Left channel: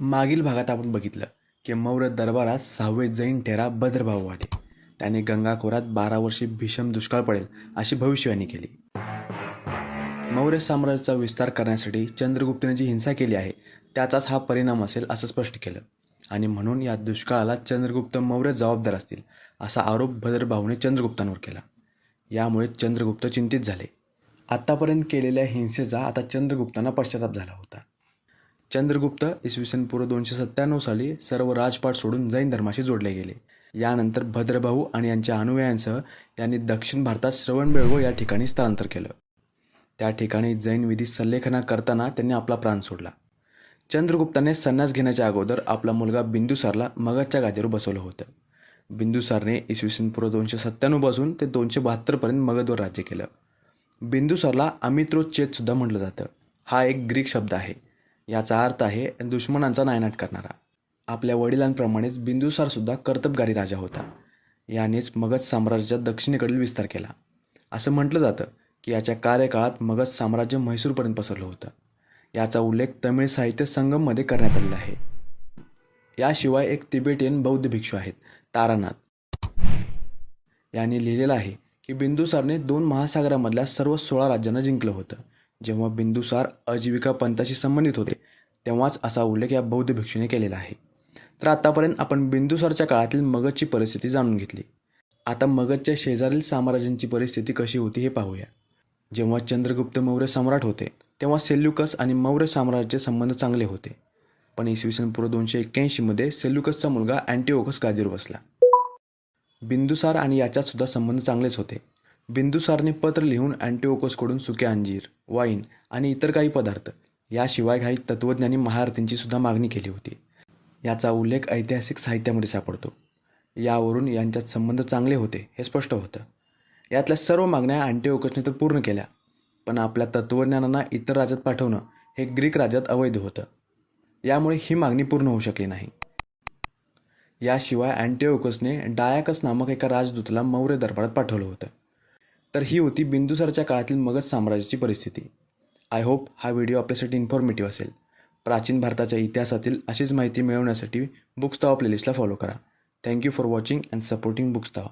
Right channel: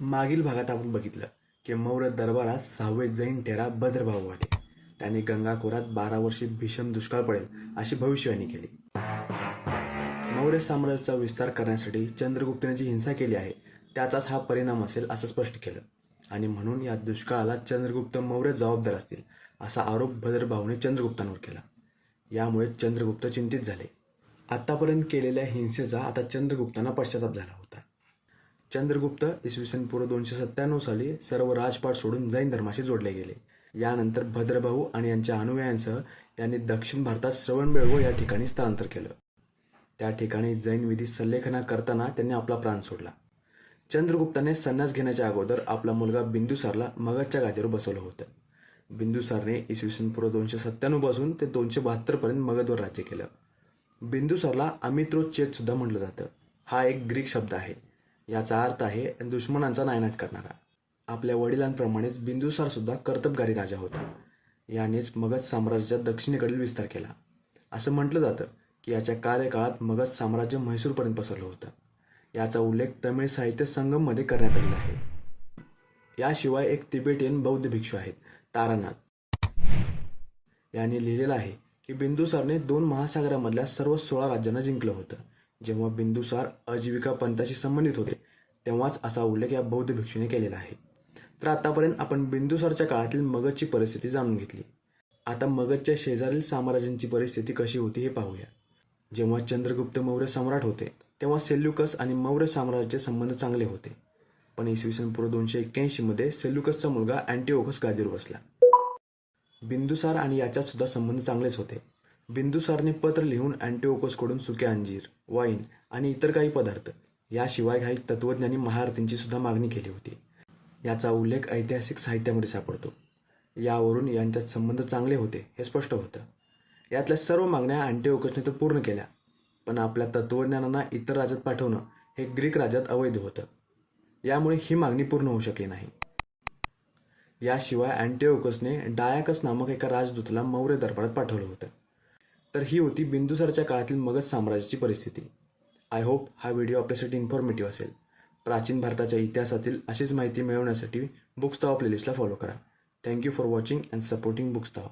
मागील भागात आपण बघितलं की मौर्य दरबारात सहावे जैन ठेरा भद्रभाव आले. त्याने गंगाखोरात बारा वर्षे भीषण दुष्काळ पडेल अशी भविष्यवाणी केली. मौर्य साम्राज्याचा विस्तार करण्यासाठी चंद्रगुप्तने जी हिंसा केली आहे त्याचाच हा परिणाम असेल असं स्पष्ट केलं. आणि म्हणून या दुष्काळाला चंद्रगुप्त मौर्य जबाबदार असतील असा आरोप भद्रभाऊने चंद्रगुप्तांवर केला. यामुळे चंद्रगुप्त चिंतित झाले. आत्तापर्यंत केलेल्या हिंसेचा आता चंद्रगुप्तांना पश्चाताप झाला होता. चंद्रगुप्त इसवी सन पूर्व दोनशे सत्त्याण्णव साली सर्व राजपाट सोडून जैन धर्माशी जोडले गेले. यानंतर भद्रभाऊ आणि यांच्या अनुयायांसह यांनी दक्षिण भारतात श्रवणबेळगो या ठिकाणी स्थलांतर केलं. त्या ठिकाणी जैन विधी संलेखना करताना त्यांनी आपला प्राण सोडला. चंद्रगुप्ताने संन्यास घेण्याच्या अगोदर आपला मुलगा बिंदुसारला मगधच्या गादीवर बसवलं होतं. बिंदुसारने इसवी सन पूर्व दोनशे सत्त्याण्णवपासून ते दोनशे बहात्तरपर्यंत मगधवर राज्य केलं. बिंदुसारला अमित्रोच्चेदसुद्धा म्हटलं जातं. हा एक ग्रीक शब्द आहे. याचा अर्थ आहे दुश्मनांचा नायनाट करणारा. आपल्या वडिलांप्रमाणेच बिंदुसारसुद्धा कर्तबगारी राजा होता. यानेच मगध साम्राज्याच्या दक्षिणेकडील विस्तार केला. असं म्हटलं जातं की याच्या कार्यकाळात मगध साम्राज्य म्हैसूरपर्यंत पसरलं होतं. याचा उल्लेख तमिळ साहित्य संगममध्ये करण्यात आलेला आहे. याशिवाय एक तिबेटियन बौद्ध भिक्षू आहेत तारानाथ. यांनी लिहिलेलं आहे की बिंदुसारने दोन महासागरामधल्या सर्व सोळा राज्यांना जिंकलं होतं. जेव्हा बिंदुसार आजीविका पंथाशी संबंधित होते तेव्हाच असा उल्लेख या बौद्ध भिक्षूने केलेला आहे. तर आतापर्यंत आपण बिंदुसारच्या काळातील मगधची परिस्थिती जाणून घेतली. आता मगधच्या शेजारील साम्राज्यांची परिस्थिती कशी होती हे पाहूया. जेव्हा चंद्रगुप्त मौर्य सम्राट होते तेव्हा सेल्युकस आणि मौर्य साम्राज्याचे संबंध चांगले होते. पण इसवी सन पूर्व दोनशे एक्क्याऐंशीमध्ये सेल्युकसचा मुलगा अँटिओकस गादीवर बसला. बिंदुसार आणि याच्यात सुद्धा संबंध चांगलेच होते. बिंदुसारने पत्र लिहून अँटिओकोसकडून सुके अंजीर वाईन आणि इतर काही पदार्थ याशिवाय काही तत्त्वज्ञानी महारथींची सुद्धा मागणी केली होती. याचा उल्लेख ऐतिहासिक साहित्यामध्ये सापडतो. यावरून यांच्यात संबंध चांगले होते हे स्पष्ट होतं. यातल्या सर्व मागण्या अँटिओकोसने तर पूर्ण केल्या पण आपल्या तत्त्वज्ञानांना इतर राज्यात पाठवणं हे ग्रीक राज्यात अवैध होतं. यामुळे ही मागणी पूर्ण होऊ शकली नाही. याशिवाय अँटिओकोसने डायाकस नामक एका राजदूताला मौर्य दरबारात पाठवलं होतं. तर ही होती बिंदुसारच्या काळातील मगध साम्राज्याची परिस्थिती. आय होप हा व्हिडिओ आपल्यासाठी इन्फॉर्मेटिव्ह असेल. प्राचीन भारताच्या इतिहासातील अशीच माहिती मिळवण्यासाठी बुक्स ताव प्लेलिस्टला फॉलो करा. Thank you for watching and supporting books ताव